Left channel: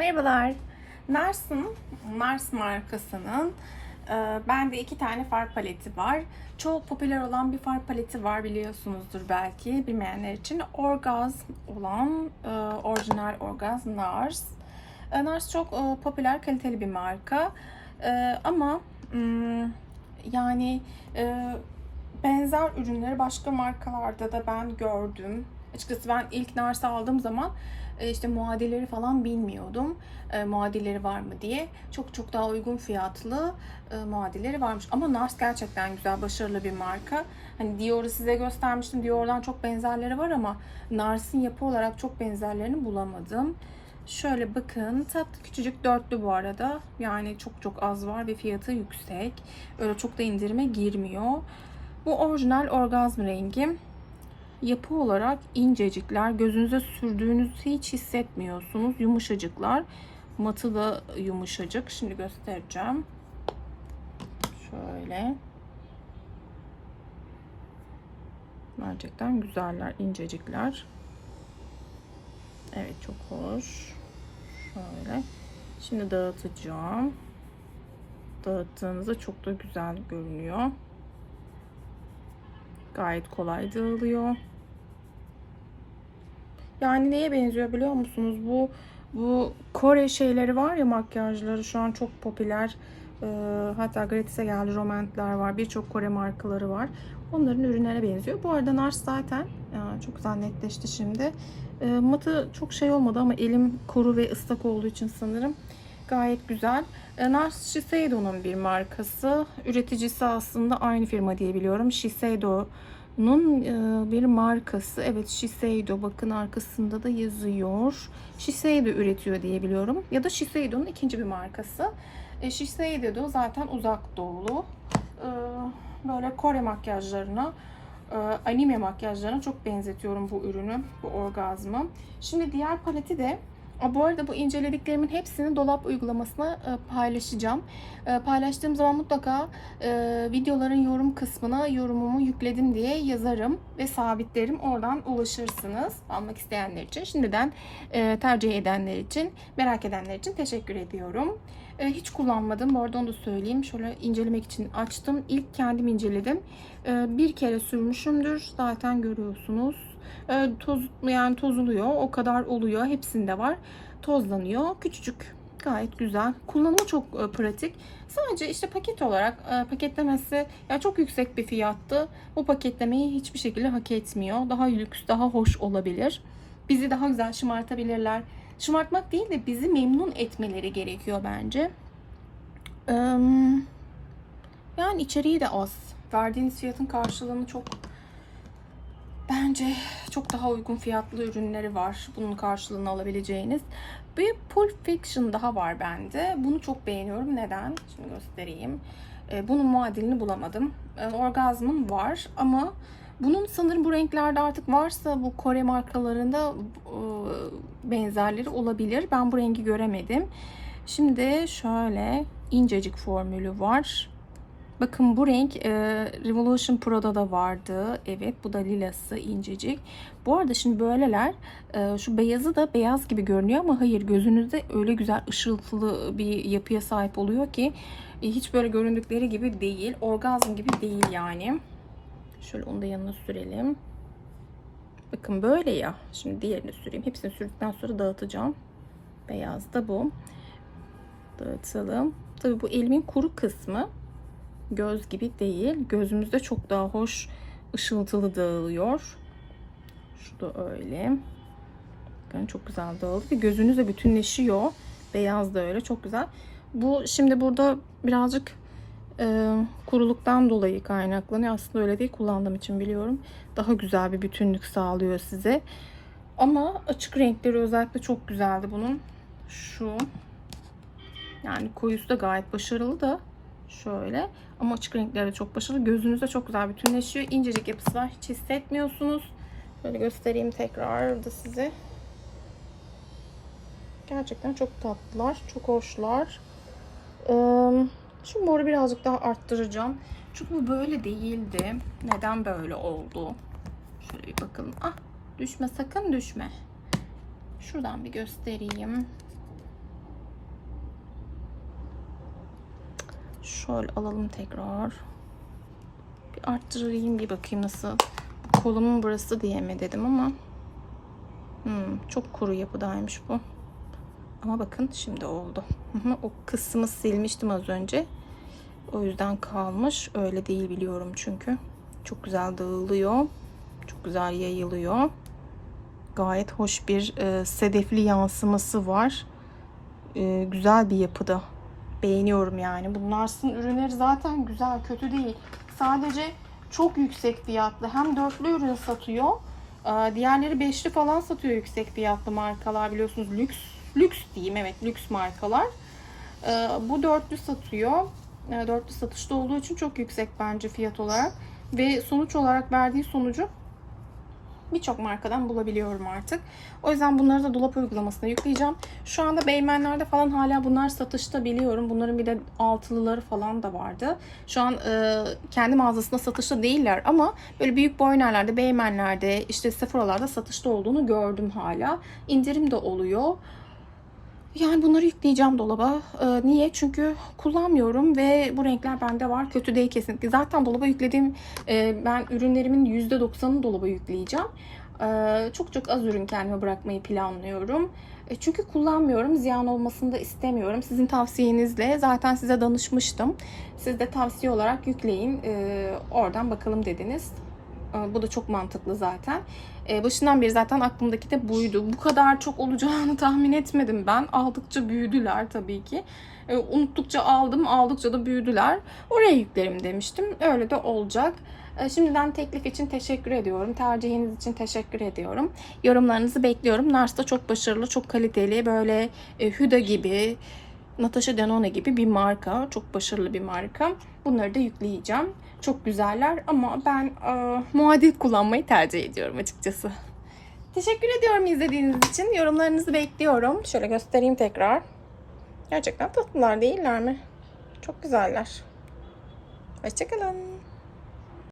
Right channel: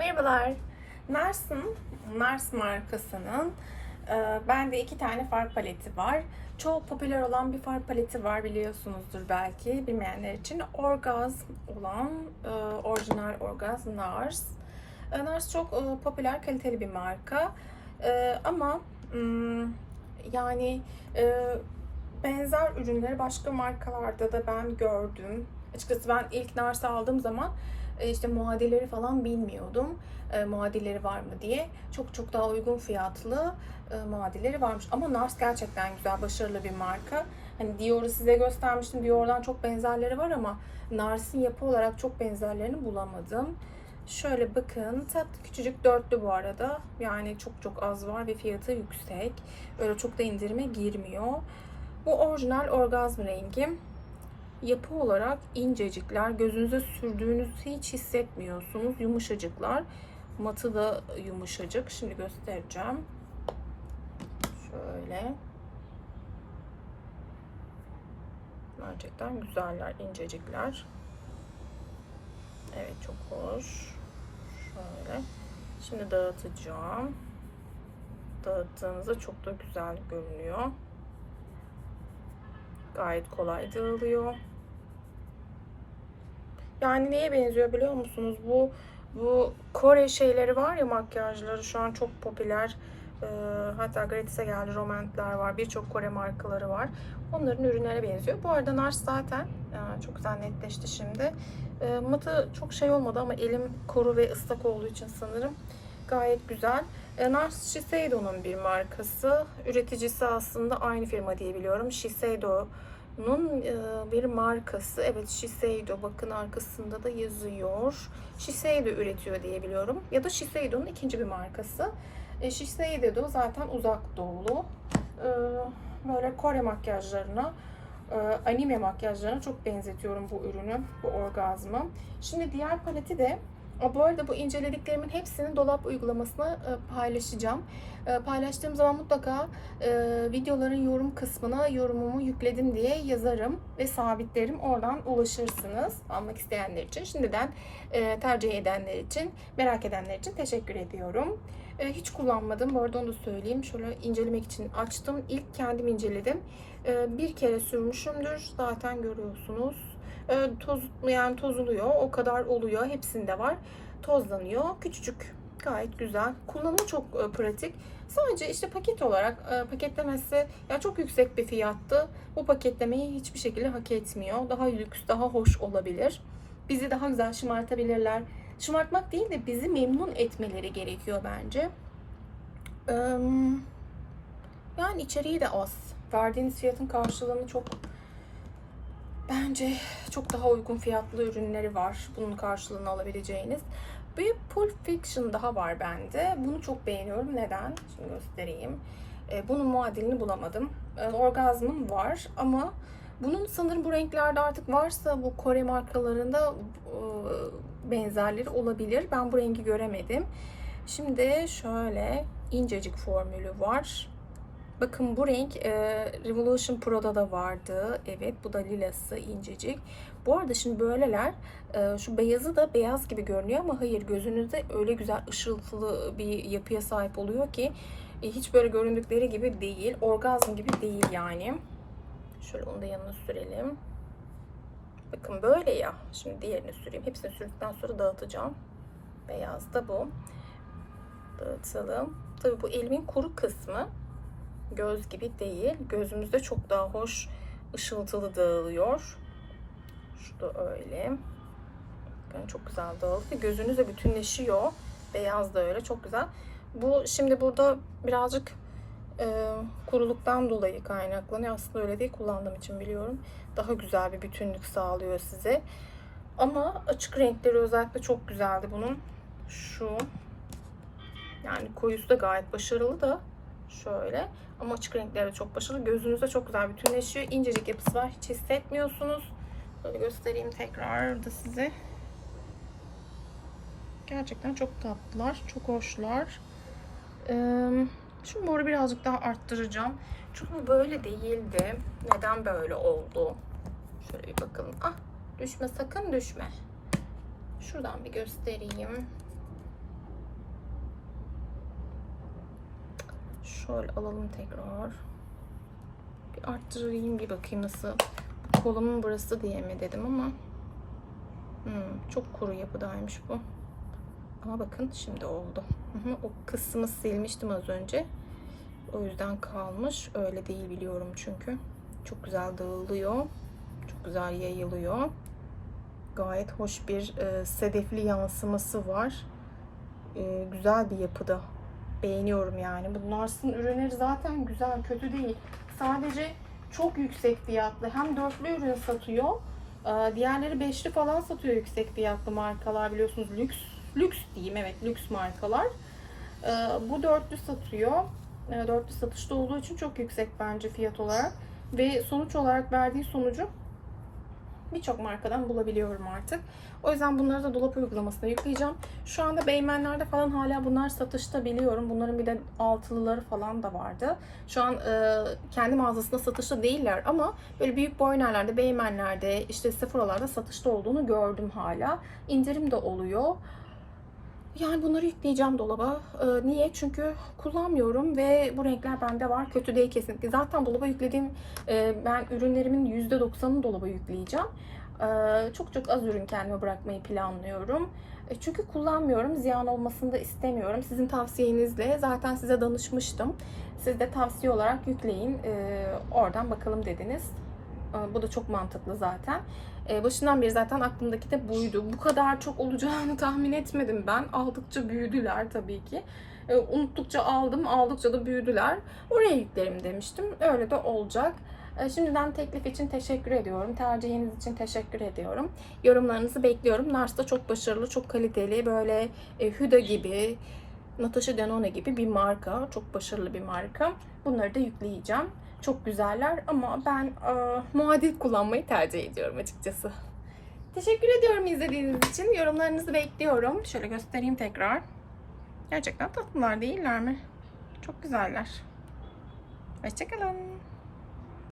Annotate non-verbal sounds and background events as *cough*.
Merhabalar. Nars'ın, Nars markasının e, bende iki tane far paleti var. Çok popüler olan bir far paleti var biliyorsunuzdur belki bilmeyenler için. Orgazm olan e, orijinal Orgazm Nars. E, Nars çok e, popüler, kaliteli bir marka. Ama mm, yani benzer ürünleri başka markalarda da ben gördüm. Açıkçası ben ilk Nars'ı aldığım zaman e, işte muadilleri falan bilmiyordum. E, muadilleri var mı diye. Çok çok daha uygun fiyatlı e, muadilleri varmış. Ama Nars gerçekten güzel, başarılı bir marka. Hani Dior'u size göstermiştim. Dior'dan çok benzerleri var ama Nars'ın yapı olarak çok benzerlerini bulamadım. Şöyle bakın tatlı küçücük dörtlü bu arada. Yani çok çok az var ve fiyatı yüksek. Öyle çok da indirime girmiyor. Bu orijinal orgazm rengi yapı olarak incecikler. Gözünüze sürdüğünüzü hiç hissetmiyorsunuz. Yumuşacıklar. Matı da yumuşacık. Şimdi göstereceğim. Şöyle. Gerçekten güzeller. incecikler. Evet çok hoş. Şöyle. Şimdi dağıtacağım. Dağıttığınızda çok da güzel görünüyor. Gayet kolay dağılıyor. Yani neye benziyor biliyor musunuz? Bu bu Kore şeyleri var ya makyajları şu an çok popüler. Ee, hatta gratis'e geldi romantikler var. Birçok Kore markaları var. Onların ürünlerine benziyor. Bu arada Nars zaten ya çok güzel netleşti şimdi. Ee, matı çok şey olmadı ama elim kuru ve ıslak olduğu için sanırım gayet güzel. Ee, Nars Shiseido'nun bir markası. Üreticisi aslında aynı firma diye biliyorum. Shiseido'nun e, bir markası. Evet Shiseido bakın arkasında da yazıyor. Shiseido üretiyor diye biliyorum. Ya da Shiseido'nun ikinci bir markası. E, Shiseido zaten uzak doğulu. E, böyle Kore makyajlarına anime makyajlarına çok benzetiyorum bu ürünü, bu orgazmı. Şimdi diğer paleti de Bu arada bu incelediklerimin hepsini dolap uygulamasına e, paylaşacağım. E, paylaştığım zaman mutlaka e, videoların yorum kısmına yorumumu yükledim diye yazarım ve sabitlerim. Oradan ulaşırsınız almak isteyenler için. Şimdiden tercih edenler için, merak edenler için teşekkür ediyorum. Hiç kullanmadım. Bu arada onu da söyleyeyim. Şöyle incelemek için açtım. İlk kendim inceledim. Bir kere sürmüşümdür. Zaten görüyorsunuz. E, toz yani tozuluyor. O kadar oluyor. Hepsinde var. Tozlanıyor. Küçücük. Gayet güzel. Kullanımı çok e, pratik. Sadece işte paket olarak e, paketlemesi ya çok yüksek bir fiyattı. Bu paketlemeyi hiçbir şekilde hak etmiyor. Daha lüks, daha hoş olabilir. Bizi daha güzel şımartabilirler. Şımartmak değil de bizi memnun etmeleri gerekiyor bence. Yani içeriği de az. Verdiğiniz fiyatın karşılığını çok bence çok daha uygun fiyatlı ürünleri var. Bunun karşılığını alabileceğiniz. Bir Pulp Fiction daha var bende. Bunu çok beğeniyorum. Neden? Şimdi göstereyim. Ee, Bunun muadilini bulamadım. Ee, Orgazmım var ama bunun sanırım bu renklerde artık varsa bu Kore markalarında e, benzerleri olabilir. Ben bu rengi göremedim. Şimdi şöyle incecik formülü var. Bakın bu renk e, Revolution Pro'da da vardı. Evet bu da lilası incecik. Bu arada şimdi böyleler e, şu beyazı da beyaz gibi görünüyor ama hayır gözünüzde öyle güzel ışıltılı bir yapıya sahip oluyor ki e, hiç böyle göründükleri gibi değil. Orgazm gibi değil yani. Şöyle onu da yanına sürelim. Bakın böyle ya. Şimdi diğerini süreyim. Hepsini sürdükten sonra dağıtacağım. Beyaz da bu. Dağıtalım. Tabii bu elimin kuru kısmı göz gibi değil. Gözümüzde çok daha hoş ışıltılı dağılıyor. Şu da öyle. Bakın çok güzel dağıldı. Ve gözünüzle bütünleşiyor. Beyaz da öyle. Çok güzel. Bu şimdi burada birazcık e, kuruluktan dolayı kaynaklanıyor. Aslında öyle değil. Kullandığım için biliyorum. Daha güzel bir bütünlük sağlıyor size. Ama açık renkleri özellikle çok güzeldi bunun. Şu yani koyusu da gayet başarılı da şöyle. Ama açık renkleri çok başarılı. Gözünüzde çok güzel bütünleşiyor. İncecik yapısı var. Hiç hissetmiyorsunuz. Şöyle göstereyim tekrar da size. Gerçekten çok tatlılar. Çok hoşlar. Şu moru birazcık daha arttıracağım. Çünkü bu böyle değildi. Neden böyle oldu? Şöyle bir bakalım. Ah düşme sakın düşme. Şuradan bir göstereyim. Şöyle alalım tekrar. Bir arttırayım bir bakayım nasıl. Kolumun burası diye mi dedim ama. Hmm, çok kuru yapıdaymış bu. Ama bakın şimdi oldu. O kısmı silmiştim az önce. O yüzden kalmış. Öyle değil biliyorum çünkü. Çok güzel dağılıyor. Çok güzel yayılıyor. Gayet hoş bir e, sedefli yansıması var. E, güzel bir yapıda. Beğeniyorum yani. Bunlar sizin ürünleri zaten güzel, kötü değil. Sadece çok yüksek fiyatlı. Hem dörtlü ürün satıyor. e, diğerleri beşli falan satıyor yüksek fiyatlı markalar biliyorsunuz. Lüks, lüks diyeyim evet lüks markalar. E, bu dörtlü satıyor. E, dörtlü satışta olduğu için çok yüksek bence fiyat olarak. Ve sonuç olarak verdiği sonucu birçok markadan bulabiliyorum artık. O yüzden bunları da dolap uygulamasına yükleyeceğim. Şu anda Beymenler'de falan hala bunlar satışta biliyorum. Bunların bir de altılıları falan da vardı. Şu an e, kendi mağazasında satışta değiller ama böyle büyük boynerlerde, Beymenler'de, işte Sephora'larda satışta olduğunu gördüm hala. İndirim de oluyor. Yani bunları yükleyeceğim dolaba. Ee, niye? Çünkü kullanmıyorum ve bu renkler bende var. Kötü değil kesinlikle. Zaten dolaba yüklediğim e, ben ürünlerimin %90'ını dolaba yükleyeceğim. Ee, çok çok az ürün kendime bırakmayı planlıyorum. E, çünkü kullanmıyorum. Ziyan olmasını da istemiyorum. Sizin tavsiyenizle zaten size danışmıştım. Siz de tavsiye olarak yükleyin. Ee, oradan bakalım dediniz. Ee, Bu da çok mantıklı zaten. Ee, Başından beri zaten aklımdaki de buydu. Bu kadar çok olacağını *laughs* tahmin etmedim ben. Aldıkça büyüdüler tabii ki. Ee, Unuttukça aldım, aldıkça da büyüdüler. Oraya yüklerim demiştim. Öyle de olacak. Şimdiden teklif için teşekkür ediyorum. Tercihiniz için teşekkür ediyorum. Yorumlarınızı bekliyorum. Nars da çok başarılı, çok kaliteli. Böyle e, Huda gibi, Natasha Denona gibi bir marka. Çok başarılı bir marka. Bunları da yükleyeceğim. Çok güzeller ama ben e, muadil kullanmayı tercih ediyorum açıkçası. Teşekkür ediyorum izlediğiniz için. Yorumlarınızı bekliyorum. Şöyle göstereyim tekrar. Gerçekten tatlılar değiller mi? Çok güzeller. Hoşçakalın.